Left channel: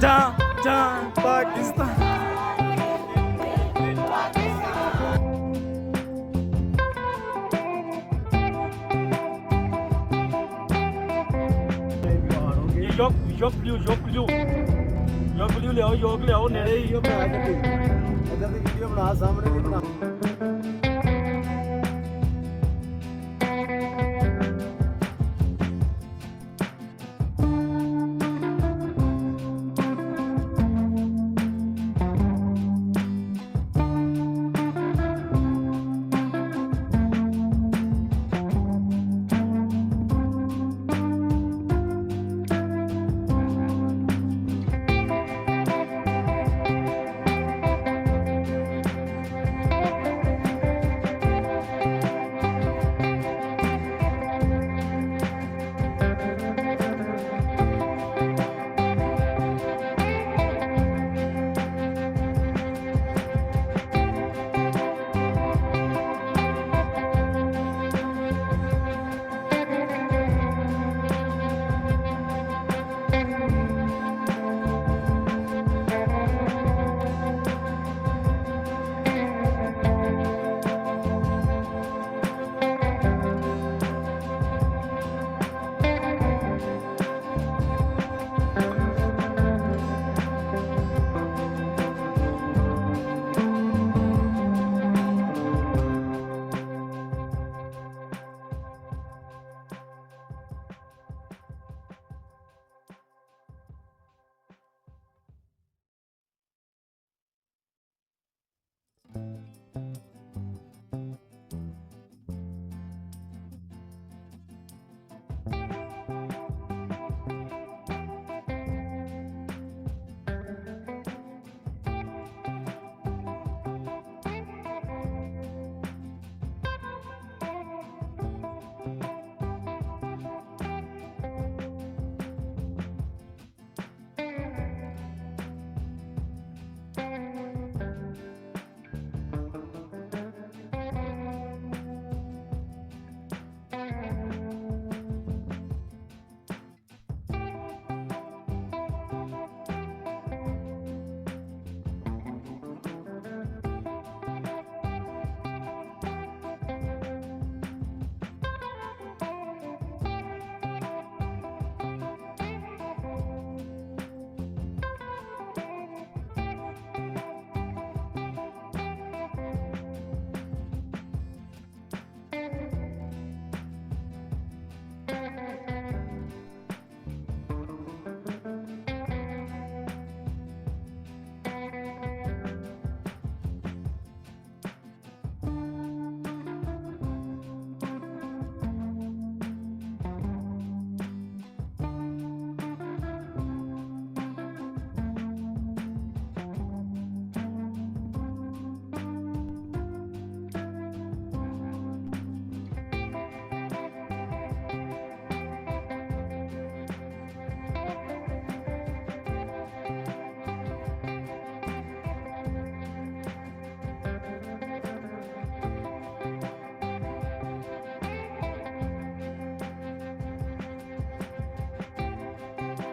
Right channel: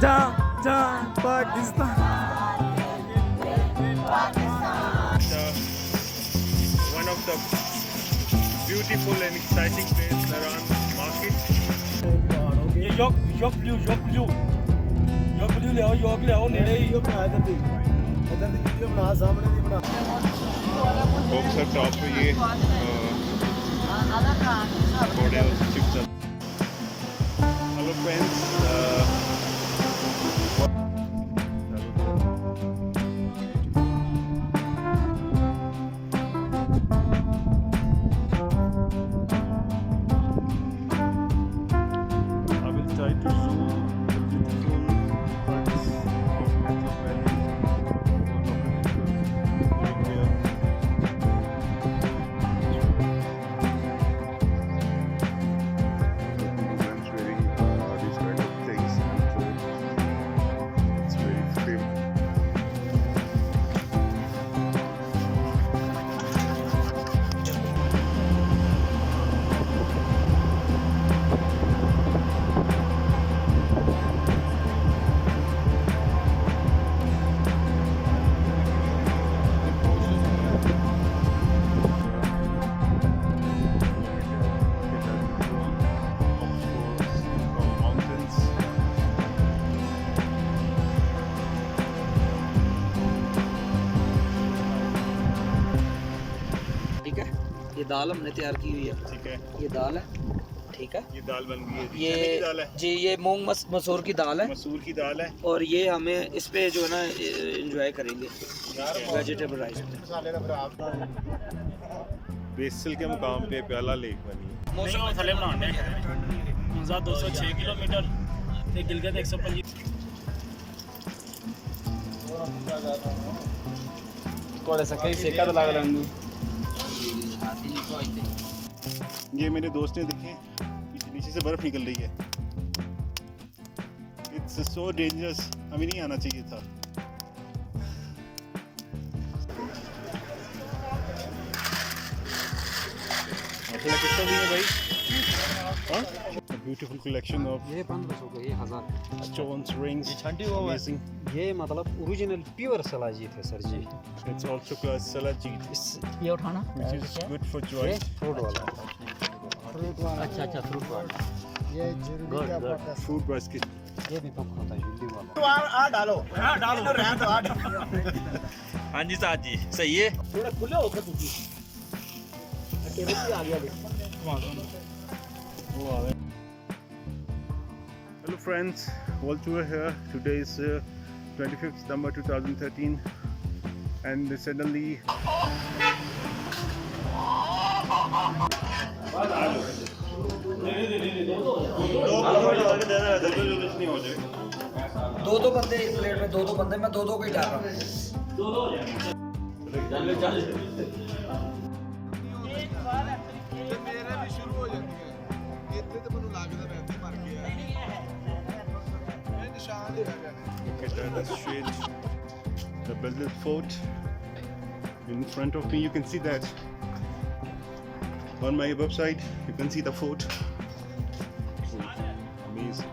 जहाँ Pakistan. Yok blue ले आओ नेड़े ही बॉक्सर चौक पे ये हेलो फ्रेंड्स दाल हमने तैयार की हुई है। ठीक है, ये दाल है, ठीक है, ये दाल बन गई है। ये दाल है जी, ये मूंग मसूर की दाल है। मसूर की दाल है और ये हमें इस पे जो है ना एंजॉय करेंगे वेजिटेबल राइस। बेसल के मुकाम पे प्याला लेक बनी। मौसम थले बनाने 206 किलोमीटर ते गिलगित 125 थोड़ा सा कहीं सेका तो लग रहा है। ये मेरे दोस्त ने देखी पीछे से बर्फ निकल रही है। इट्स सो डेंजरस, हमें नहीं आना चाहिए था। कैसा भी है भाई? ब्यूटीफुल कलेक्शन ऑफ ये 1500 stones, rings. ठंडी हुआ वैसे ये मतलब ओरिजिनल प्योर सलाजी है sir ji. It's also called salaji, ये उठाना which is good for joint. Fruit वाला। अच्छा फ्रूट वाला ये Food basket. ये भी पक होता है। आ डालो रहने दो। हाँ जी साहब जी सही है। थोड़ा खुले होकर तुझे केबल से आ गया देख। Hello friends, all tour here. Today is 25th September 2013 and suddenly दो बंदे एक प्लेट में दो बंदे मैं दो को ही डाल रहा हूँ। the Belgian fort in front of me. You can see that on my website. You can see the fort. Amazing.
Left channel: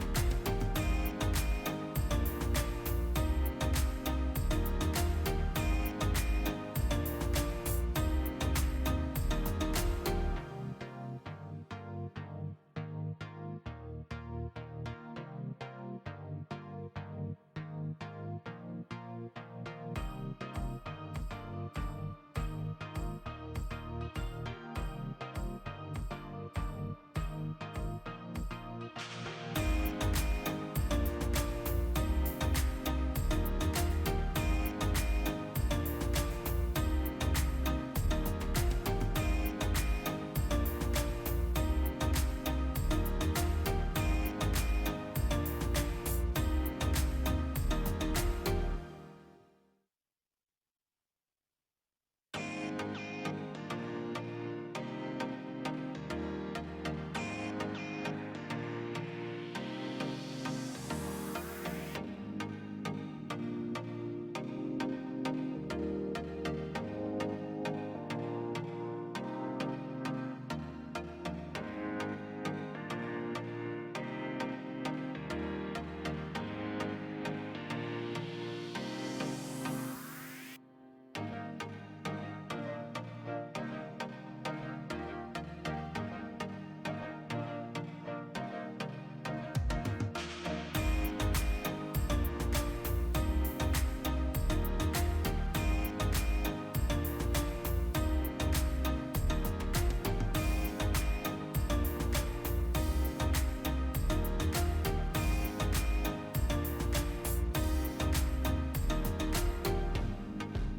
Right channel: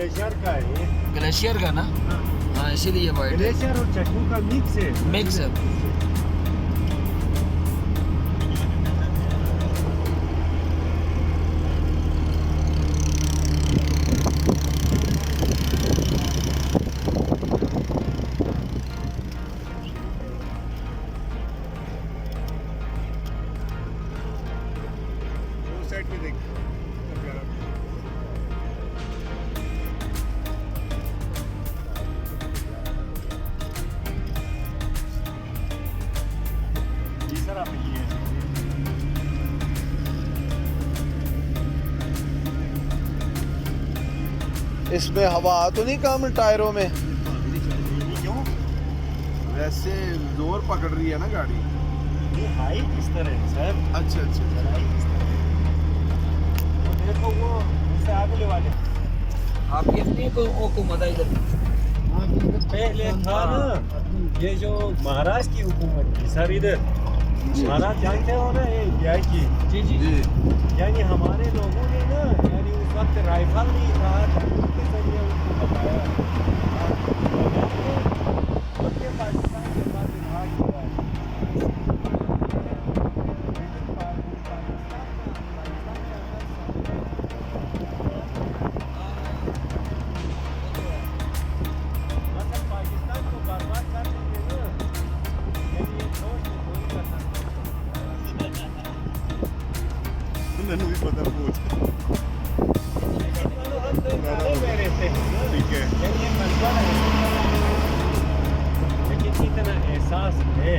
Glacier का है, ग्लेशियर का ना, हाँ इसीलिए वाइट है, ग्लेशियर और चटनी का मिक्स है। मिक्स है। उस साइड पे देख। इसमें हवा तो नहीं कम टायरों में? वैसे जोर पकड़ रही है ना गाड़ी। ये हाइट किस तरह है सर? अच्छा अच्छा। देखो वो इससे आगे वाले आप कितनी को मदा इधर पहले था ना, ये जो महाराष्ट्र की हुकूमत थी सर, इधर महाराष्ट्र जानते हो ना, ये न्याय की। जी जी जी। यानी हमारे लोगों ने ना, यानी उस वक्त राइफल नहीं था, के जरिए उनको बताया उनके पाकिस्तान के साथ विभाग हुआ है। मतलब पाकिस्तान को बर्बाद करने के लिए लेकिन लोग नहीं करना। मैंने भी पता पूछ। ठीक है। ये मसला है, लेकिन इतना एहसास है।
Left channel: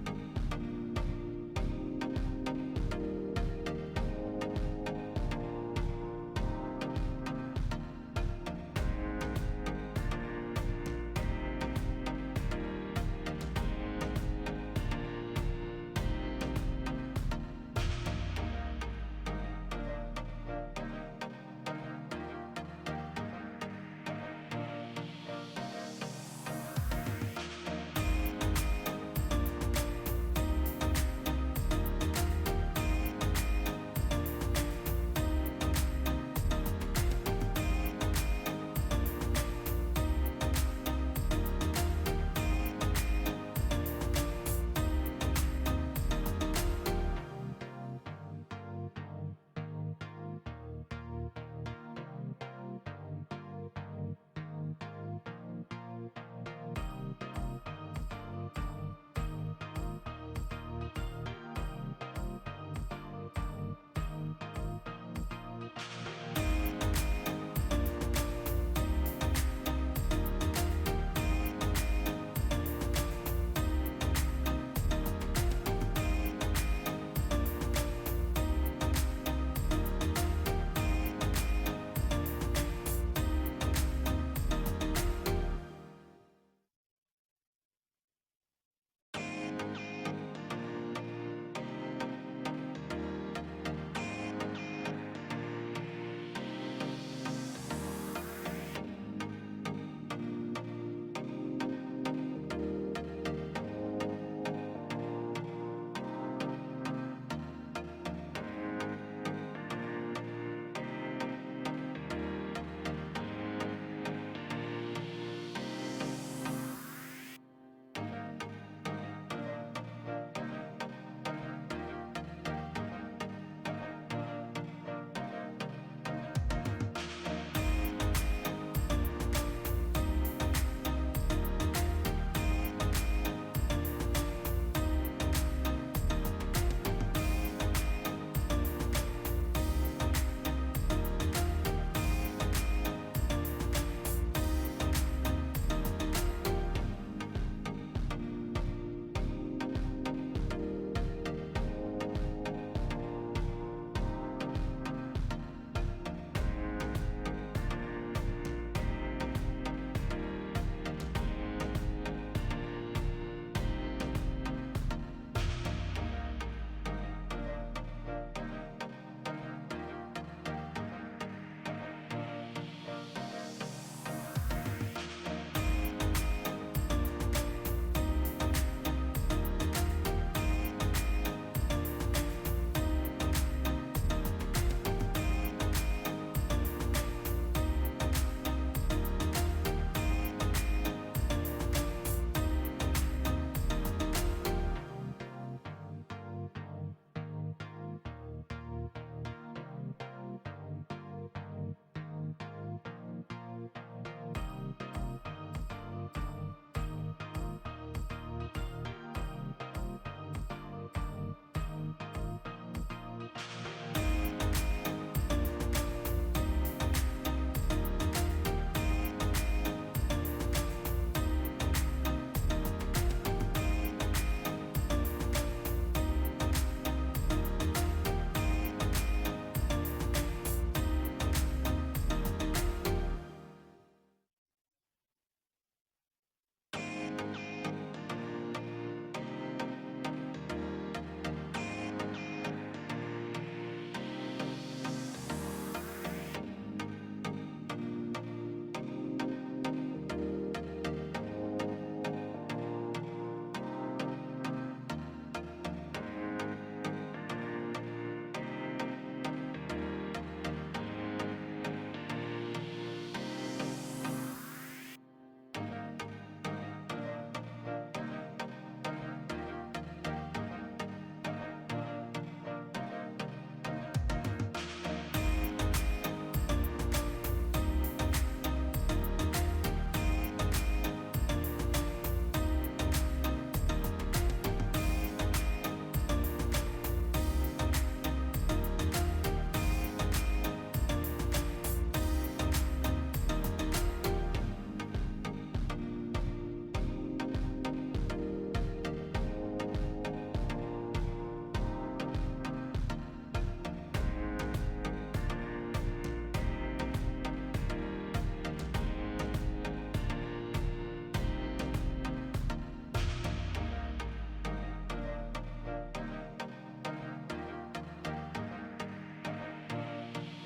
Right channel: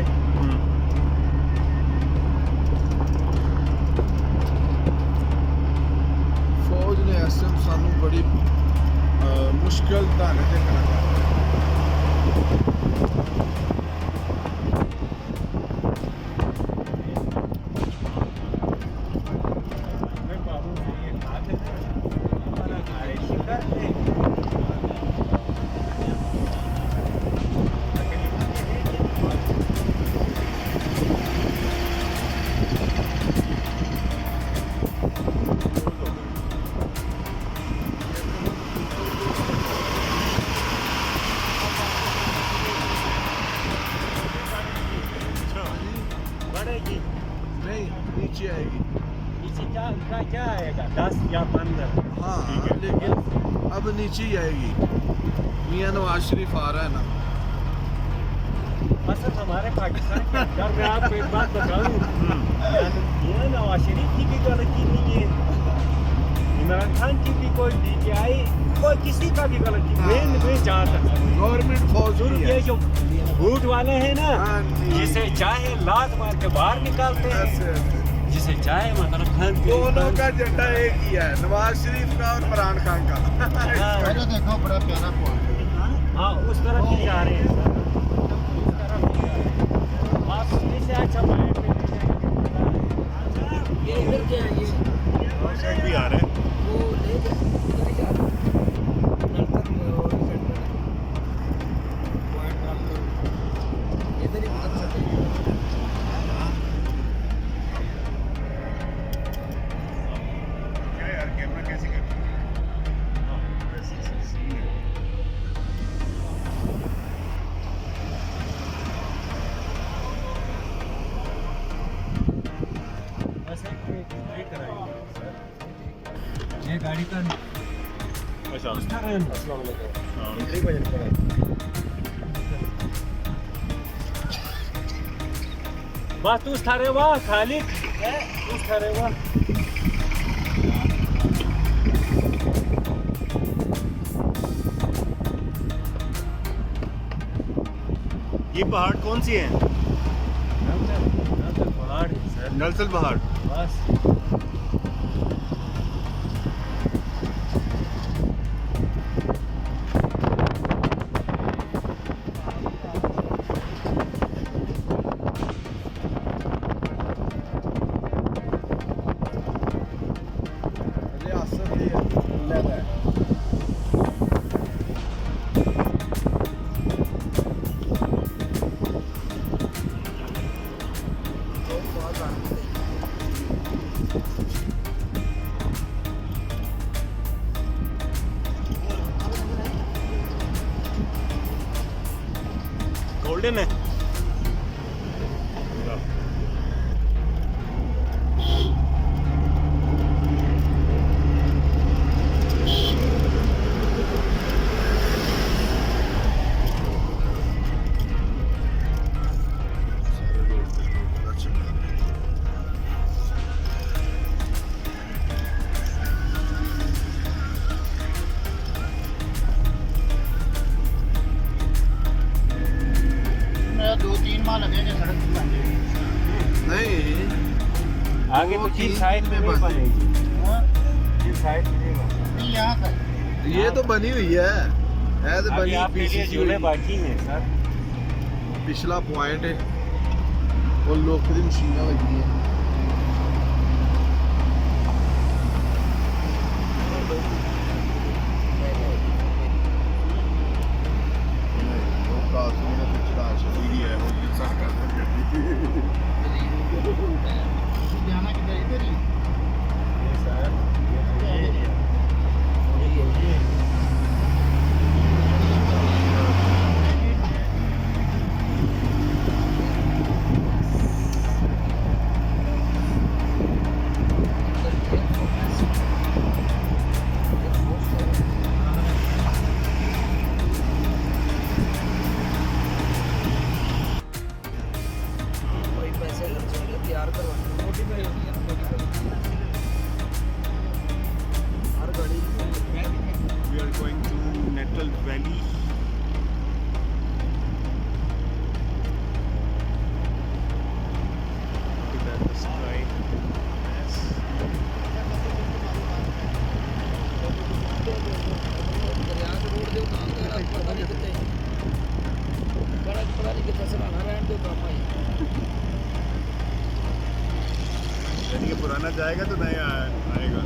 फौज ने ऐसे सानू बड़ी मुश्किल ढंग से करना। नहीं नीचे आएगी। इसी का क्या आएगा, 10 या 15? हाँ लेकिन अब नीचे ही आएगी। मियां नवाज शरीफ आ रहा है ना। मतलब हमारे पाकिस्तान के अंदर मैं आपको एक बात बताऊं, ये नवाज शरीफ की भी गलती नहीं है, इमरान खान की भी कोई DPI, कोई किसी का भी गलती नहीं है। जहाँ तक गवर्नमेंट फौज शुरू ही ये है। जो भूत वाले हैं ना, हाँ जी। जिसे चाहे लात मार के बाहर निकालते हैं, ऐसे जिसे चाहे मतलब खान के दोनों का झंडा एक ही है, नवाज शरीफ का और इमरान खान का। देखो बड़ा प्यारा हाँ उस तरफ ही जा रहे हैं सर, उस तरफ ही जा रहे हैं। आप से अच्छा माइंड ये इधर क्या है, ये और साइड भी आ रहे हैं। वो ले इधर जा रहा है नलतर में और पॉइंट वाला इधर ही उतर सकते हैं। क्या यार कैमरा कैसे कर? ये गाड़ी का अच्छा। बस तू थारे वाह खाली तू थारे वाह ये पहाड़ कौन सी है? नलसल पहाड़। बस गोल्डन है आगे तो किस साइड में नहीं बनेगी किस साइड में नहीं बनेगी यहाँ पर ये तो बनी हुई है तो बनी आपके लिए झूले बाकी हैं सर पिछला पॉइंट है और लोग की मशीन लगी है पुराना जाएगा तो नया आएगा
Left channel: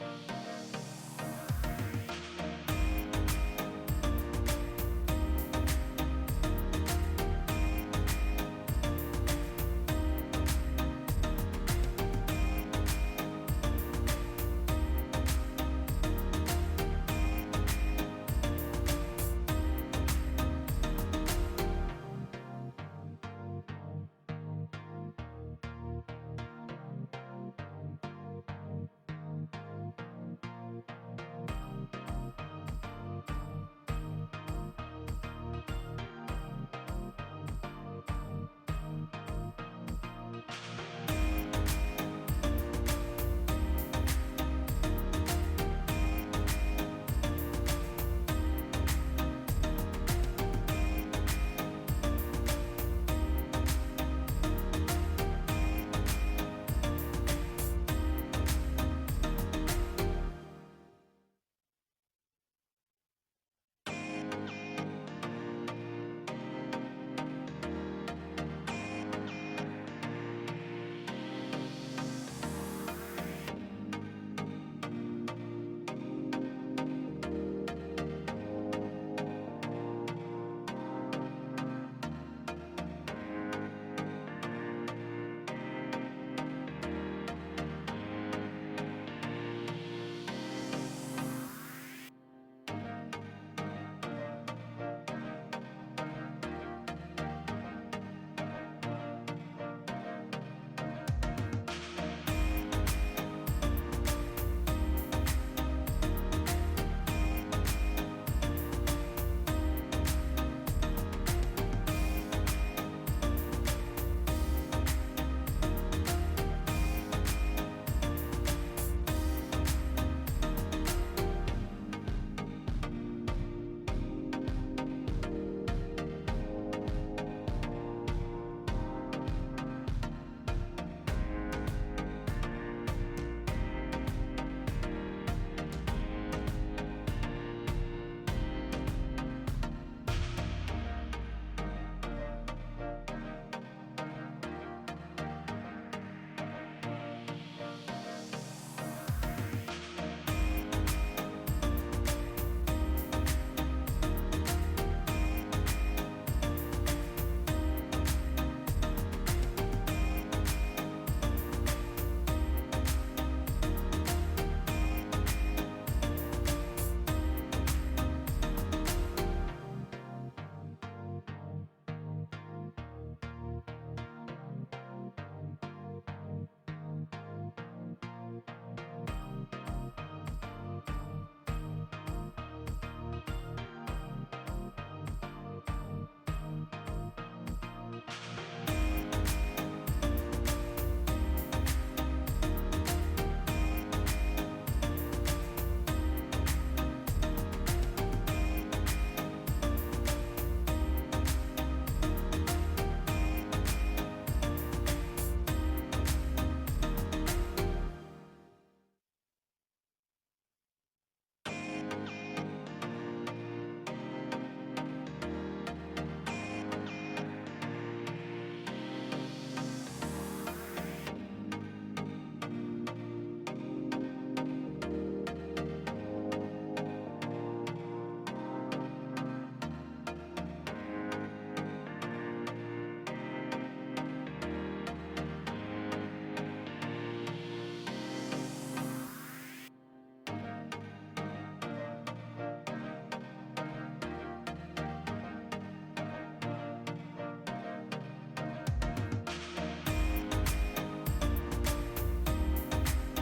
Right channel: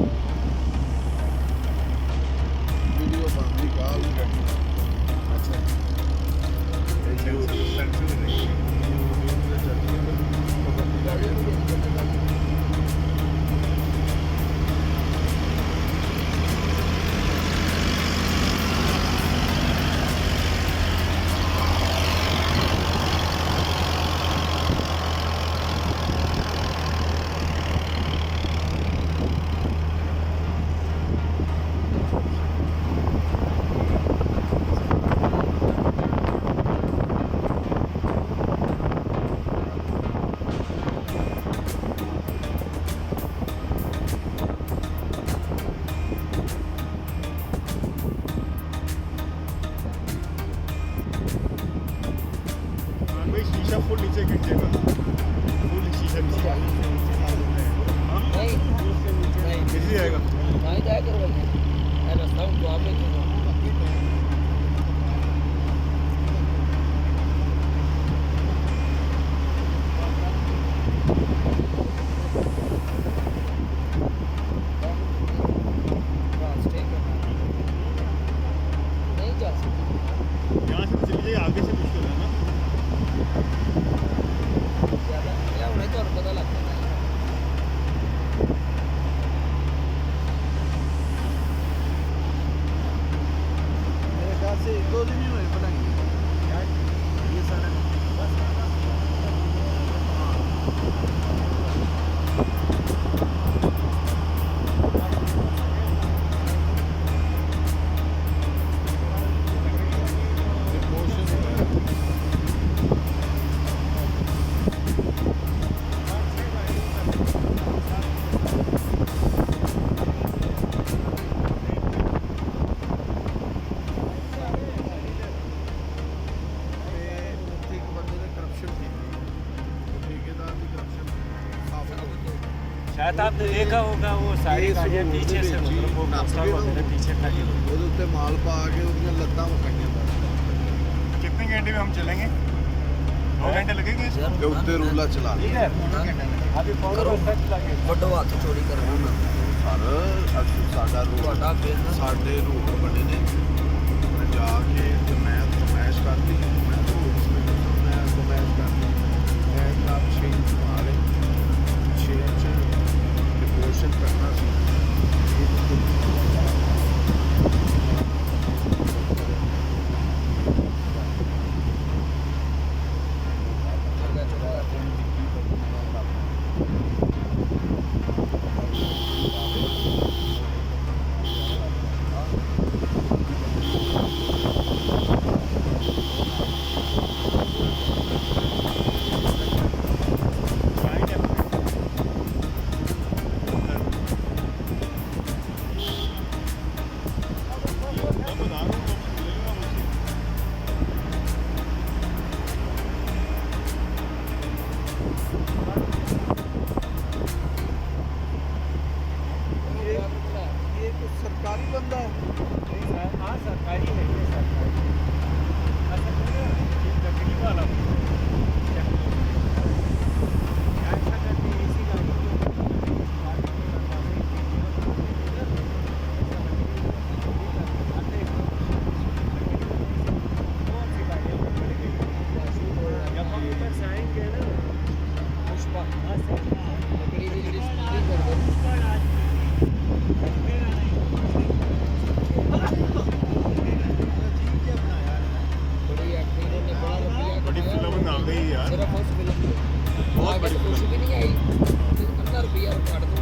शायद आपने देखा होगा वो सारी गाड़ियाँ पीछे से मतलब वो बक्सर वगैरह पीछे खड़ी हुई ਉਹਦੇ ਉੱਤੇ ਮਾਲ ਪਾ ਕੇ ਉਹਦੀਆਂ ਲੱਤਾਂ ਵਕਾਈਆਂ कितने घंटे में हम चलेंगे 2 घंटे लगेंगे ਤੇ ਉੱਤੇ ਰੂਲਾ ਚਲਾ ਲਿਆ अभी ਵੱਡੋ ਹੱਥ ਚੋਰੀ ਕਰਨਾ ਸਰ ਸਾਡਾ ਤੁਹਾਡਾ ਬਿਜ਼ਨਸ ਸਾਡੇ ਰੂਟ ਬਣੇ ਨੇ ਜਾ ਕੇ ਤੇ ਮੈਂ ਫਰਮਾਇਸ਼ ਕਰਦੀ ਮੈਂ ਫਰਮਾਇਸ਼ ਕਰਦੀ ਮੈਂ ਕੰਮ ਚੇਂਜ ਮਾਰੇ ਚੇਂਜ ਡਿਵੋਸ਼ਨ ਕਰਨਾ ਸੀ ਸਰਕਾਰੀ ਬੰਦਾ हाँ सरकारी है ये सरकारी अच्छा ये लकड़ी वाला ऐसा करके इसी गाड़ी बड़ी फिल्म आ गई यार सिर्फ उस फिल्म में बहुत बड़ी कुछ फिल्म भी नहीं आई 50 रुपया काट दो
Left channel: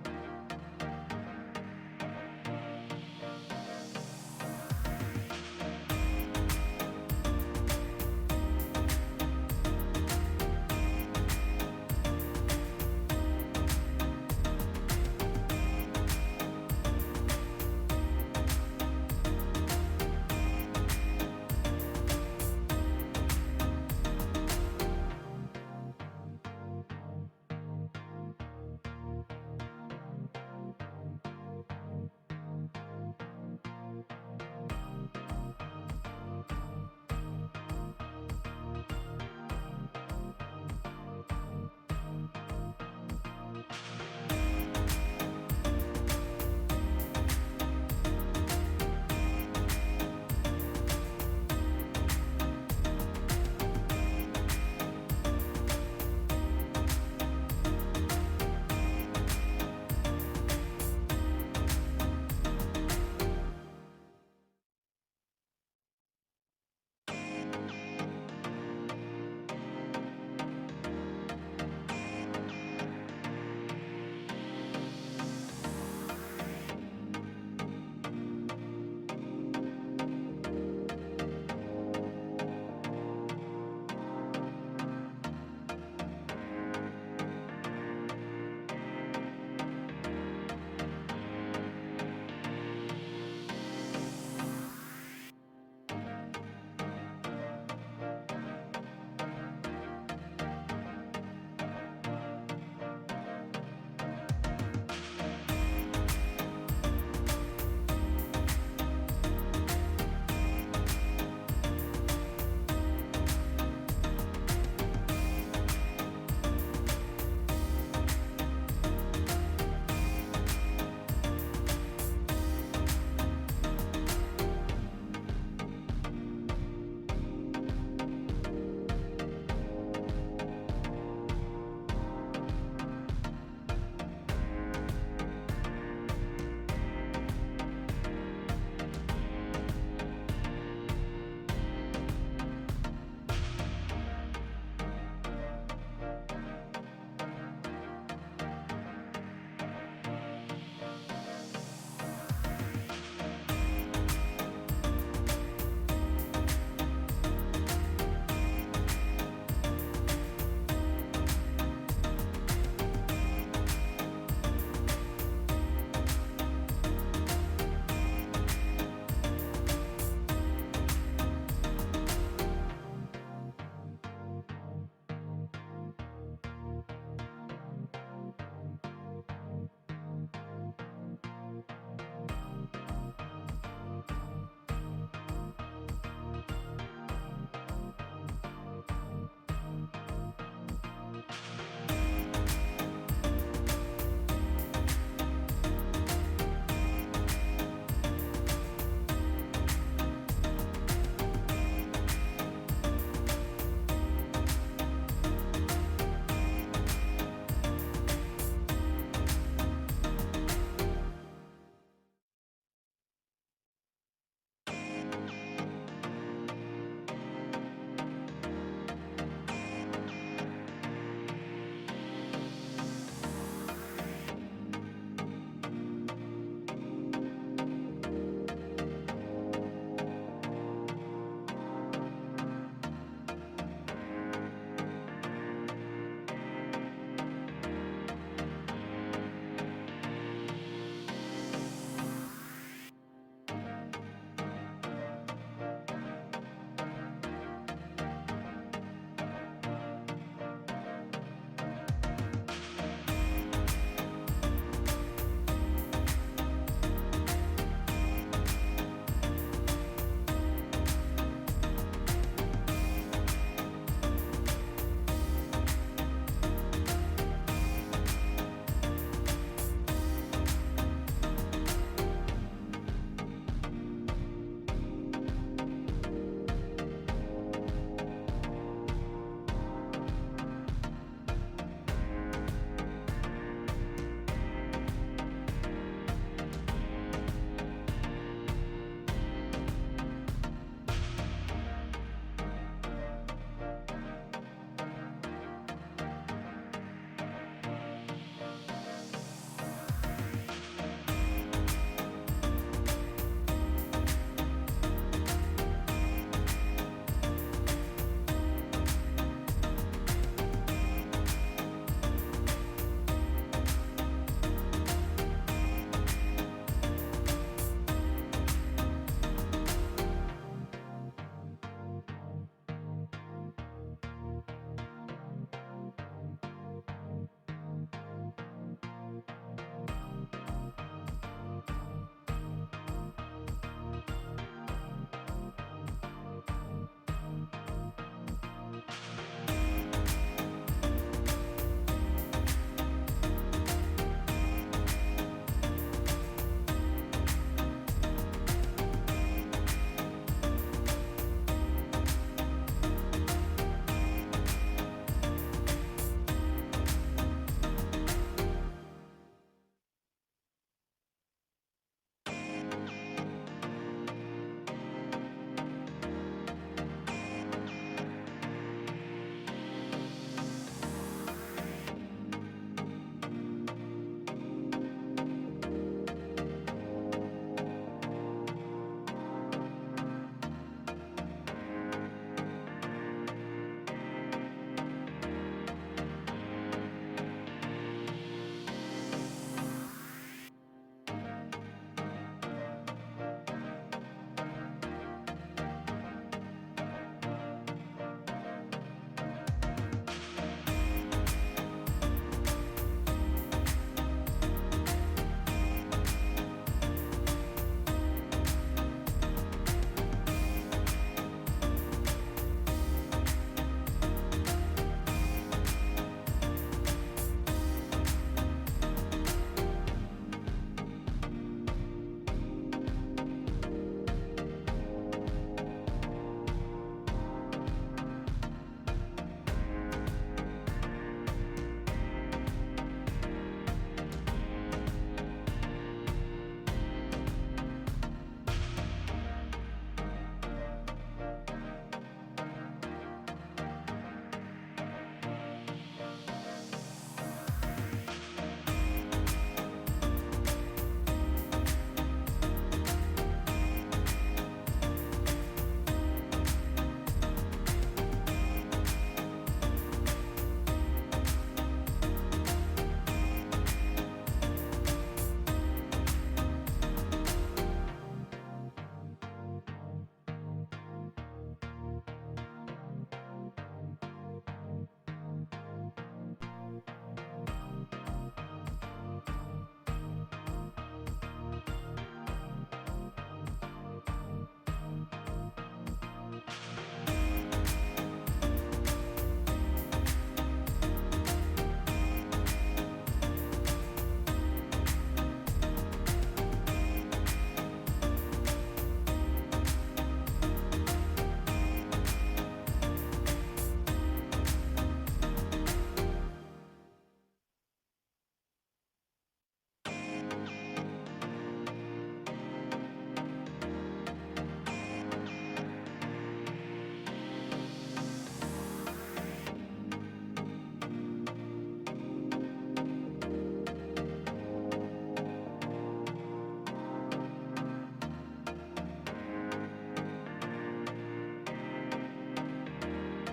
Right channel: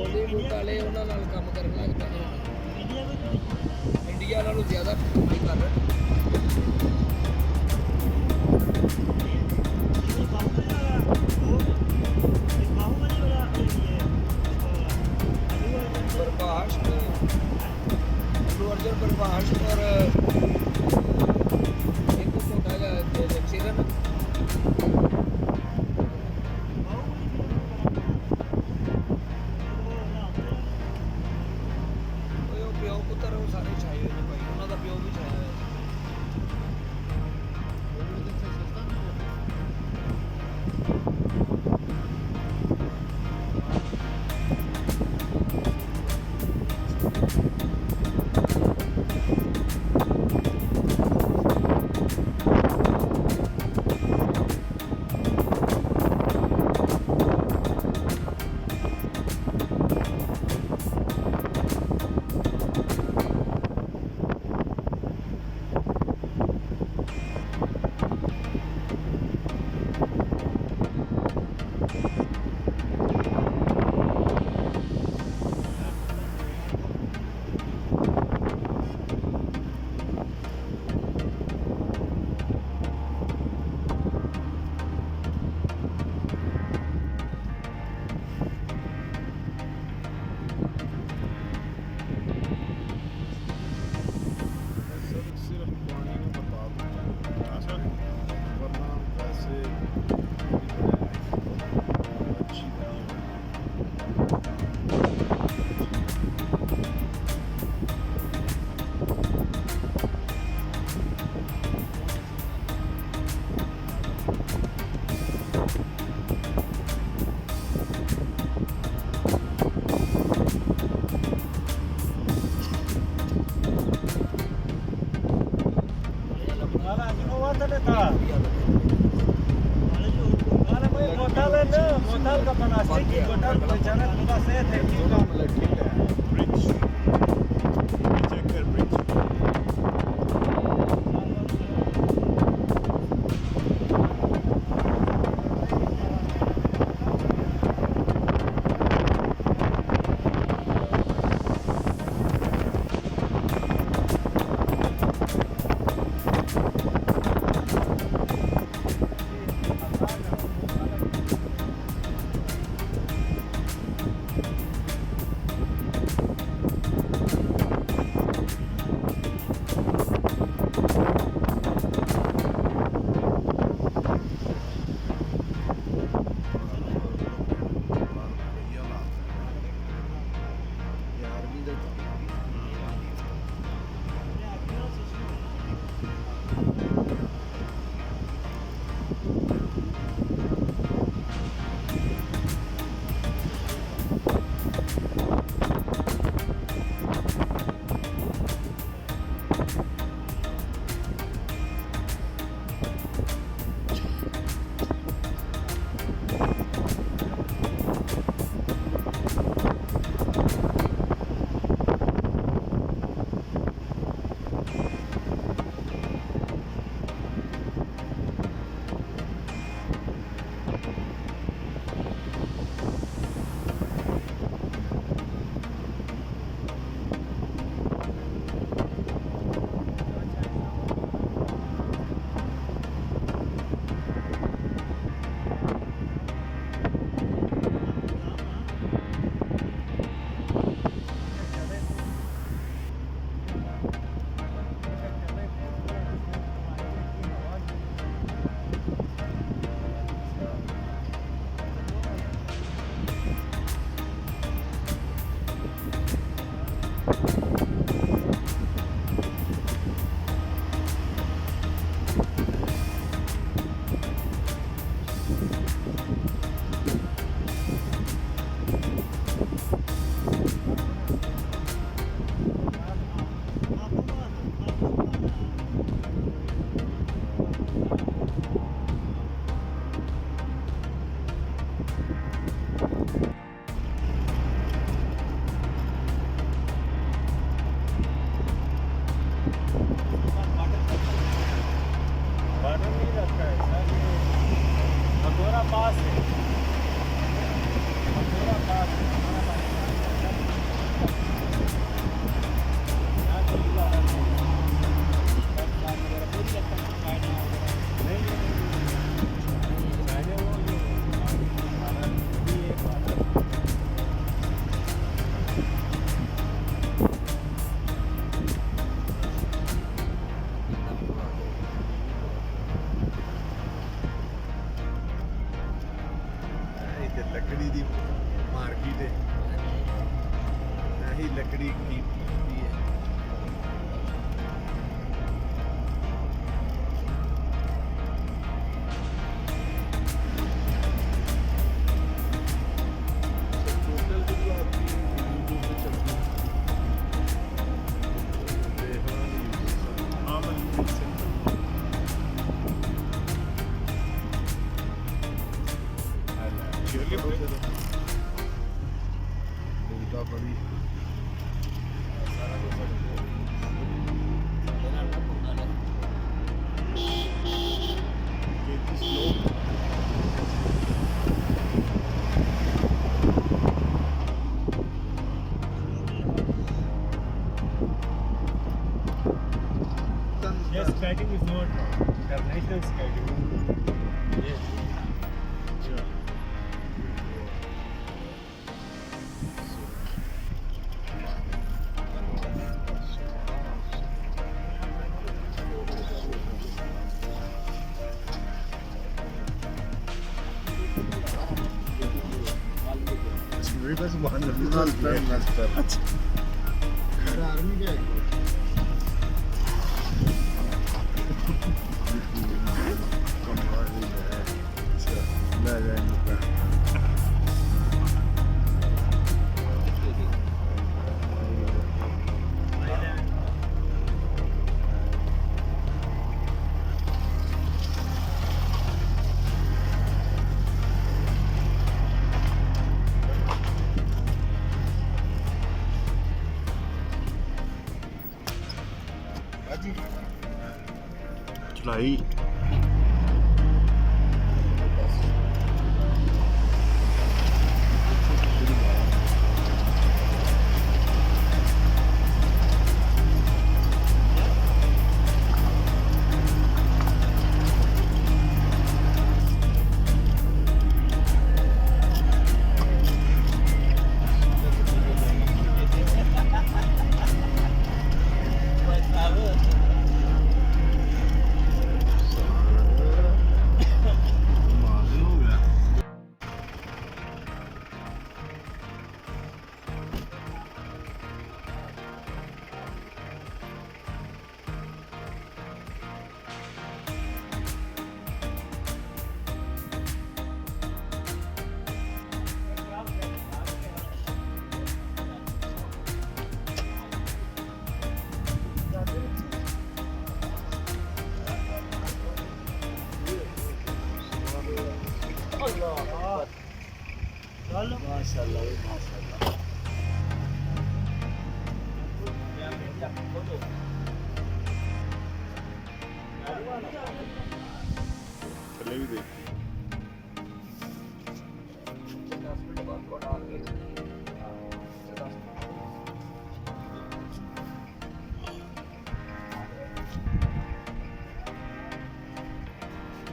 ਬਾਲੀਵੁੱਡ ਵਾਲੇ ਉਹਨਾਂ ਨਾਲ ਕੰਮ ਕਰਨ ਲੱਗ ਪਏ ਨੇ ਇੰਡੀਆ ਨਾਲੋਂ ਜ਼ਿਆਦਾ ਕਮਾਈ ਕਰ ਰਹੇ ਪ੍ਰਭਾਸ਼ ਅਰਜੁਨ ਪ੍ਰਭਾਸ਼ ਔਰ ਇੱਕ ਛੋਟਾ ਜਿਹਾ ਚਿਰਨ ਉਹ ਪਿਓ ਪੁੱਤਰ ਉਹ ਸਾਰੇ ਛਾਏ ਹੋਏ ਨੇ ਭਾਈ ਉਹਨਾਂ ਦਾ ਪਿਓ ਵੀ ਛਾਇਆ ਹੋਇਆ ਸਿਰਫ ਪਾਣੀ ਨੂੰ ਬਰਬਾਦ ਹੁੰਦਾ ਵਰਨਾ ਵੈਸੇ ਅੱਛੀ मोटाल का बनास्ते की मोटाल बेचारा खुदा से थे कि ब्रिज चेक कर ब्रिज ਲੱਕੜੀ ਦੀ ਮਾਰਕੀਟ ਹੈ ਇਹੀ ਲੱਕੜੀ ਕੀ ਹੁੰਦੀ ਹੈ Yes, skating is not international skating. Yes. चढ़ाई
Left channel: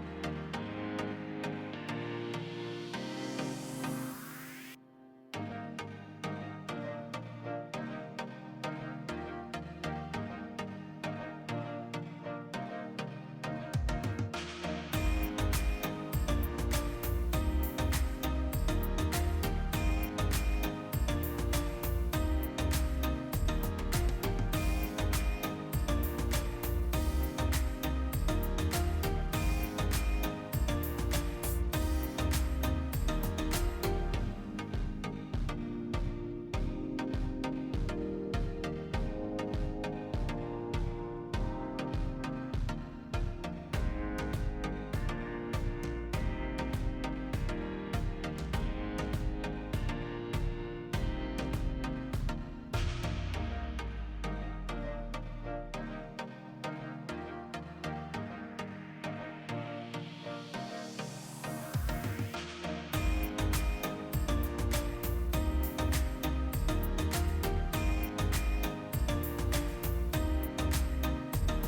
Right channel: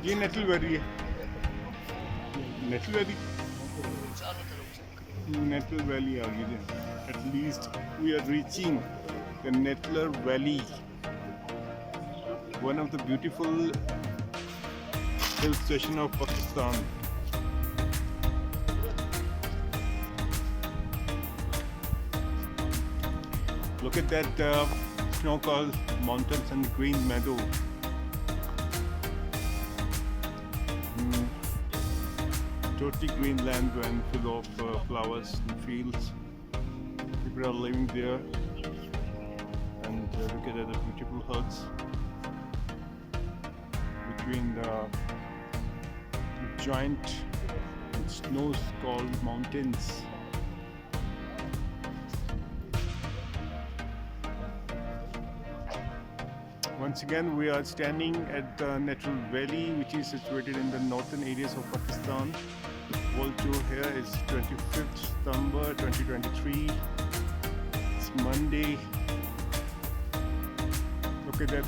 ये नेटल वैली है नेटल वैली नेटल वैली आ गई है at least we are reaching the Naltar valley one of the beautiful hill station of Pakistan look at that snow-capped mountains and green meadow. Totally green land and full of flowers, fields. People are living there, and look at the beautiful huts between the giant snow-capped mountains. Once again, we are standing at the Naran Valley, which is situated in the northern areas of Pakistan. World tour here is 25th September 2023. It's Monday. Look at that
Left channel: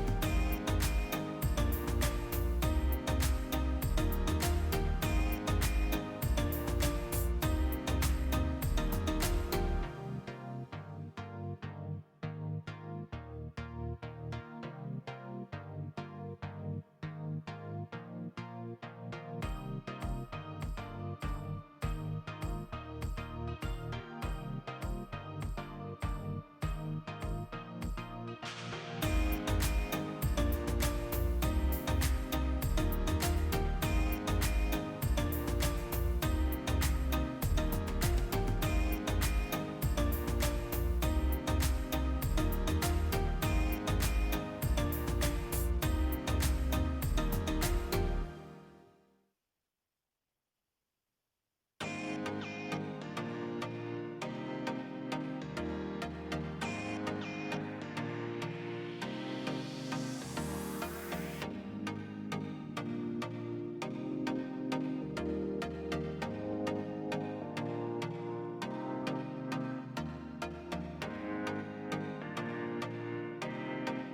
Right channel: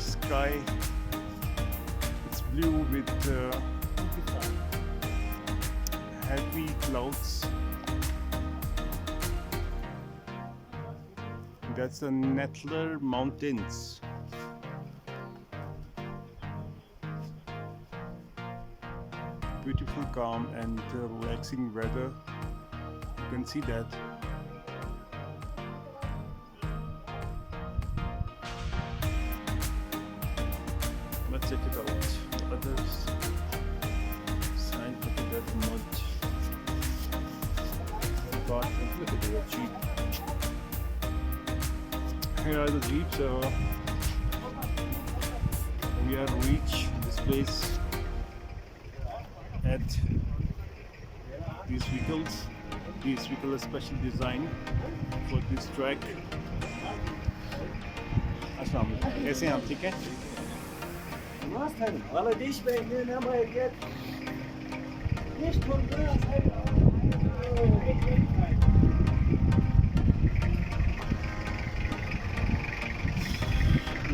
sky. It's blue with heavy clouds. That's the Naran Mountains. Beautiful calm and relaxing weather. You can see that. Let's check it out. Others sign that much. God, look at the jeep. Here are the jeeps. We are reach this place at these vehicles. These vehicles are specially designed for this track. अस्सलाम वालेकुम, कैसे हैं आप? ठीक है? must have wala dish bekle ne ama erkek dish tuttu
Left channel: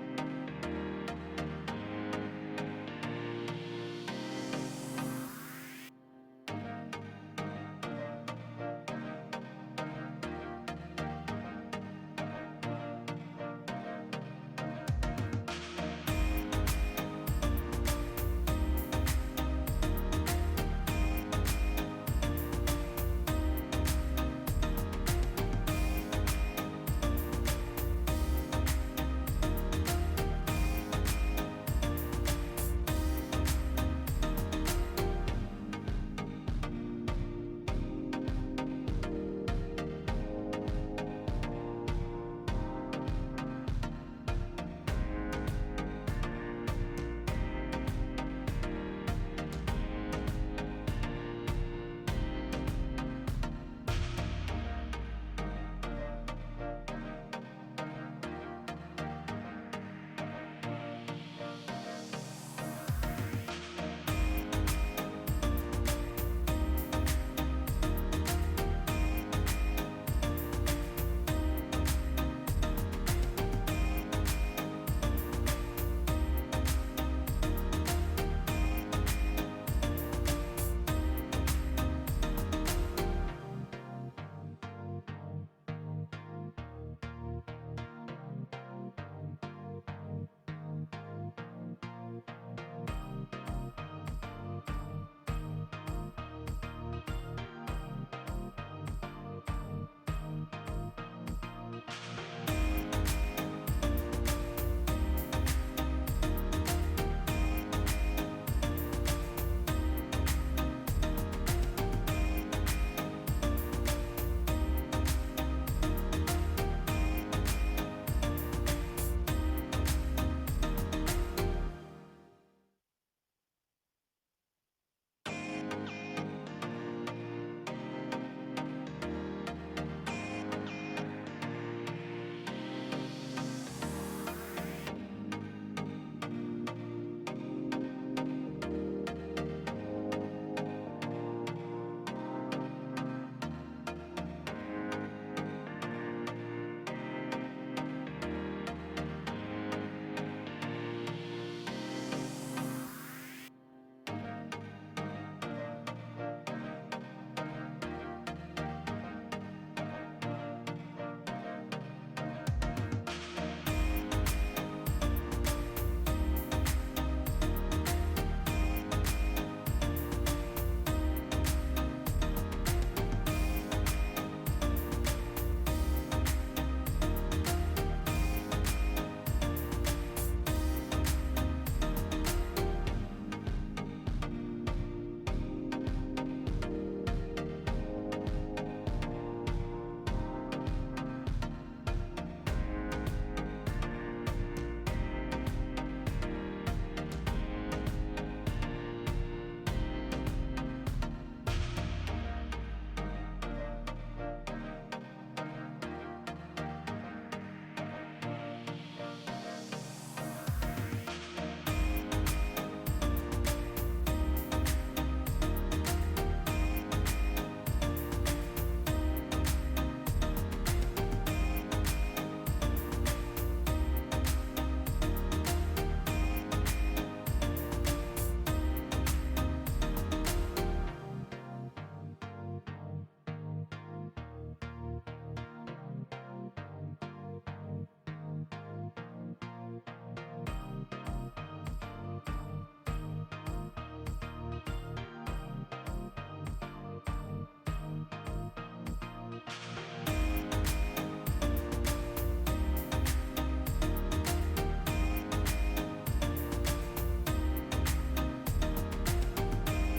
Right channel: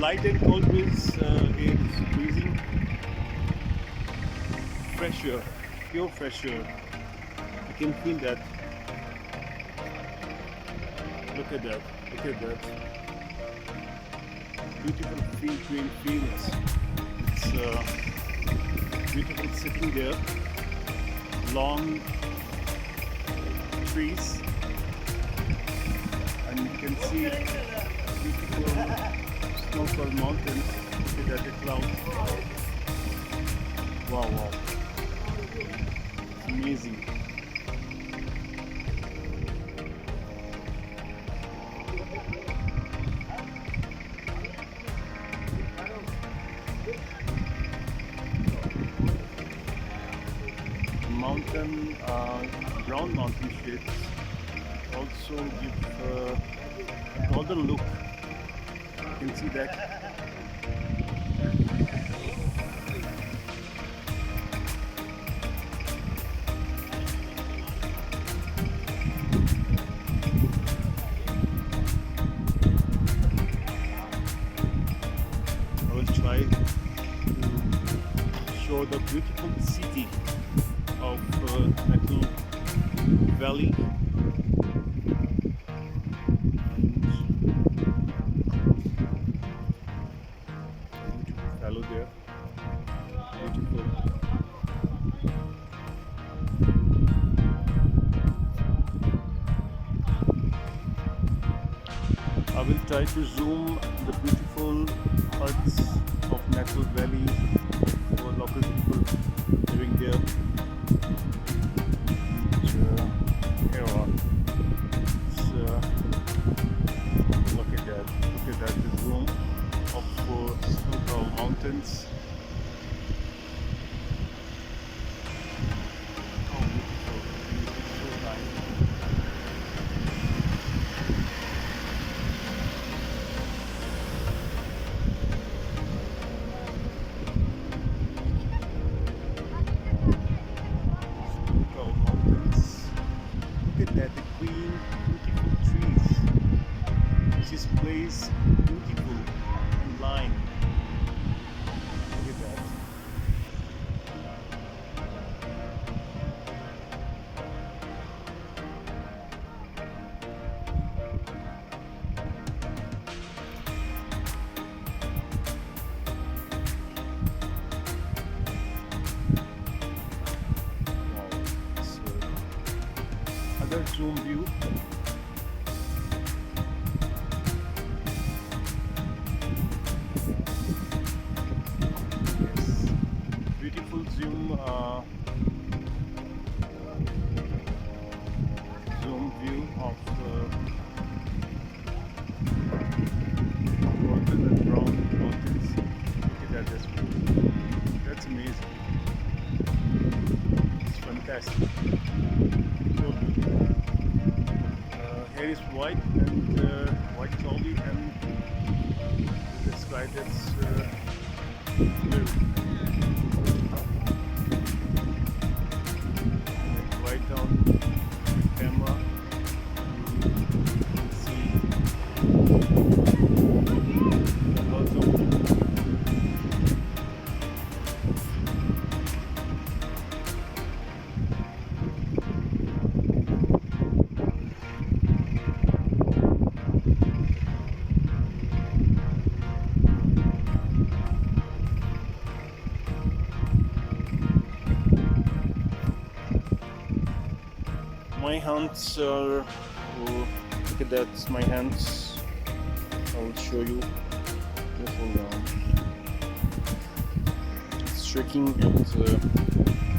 Light and cold breeze is breezing. Fresh air, pure fresh air. You can feel that. Look at that. Look at that. Beautiful green fields. It's beautiful sitting there. Long trees, and you can see snowfall mountains. Look at the clouds. Wow, wow. It's amazing. Brown mountain shapes also give northern look. You can see that. I will try to show the beautiful city of Naran Valley. Hello there. Beautiful. I will try to zoom the beautiful huts of Naran Valley for local people living there. Look at that, the zoom of mountains. Oh, beautiful, so nice. Mountains. Look at that, the green, beautiful trees. This place beautiful in line. Look at that. Another zoom view. Beautiful zoom view of golden and brown mountains. Look at that, that's amazing. It's fantastic. So beautiful. Here is white and white cloudy and the sky that's blue. Right down camera, see lots of My hands are, look at that, my hands, I will show you. Hold on. It's shaking and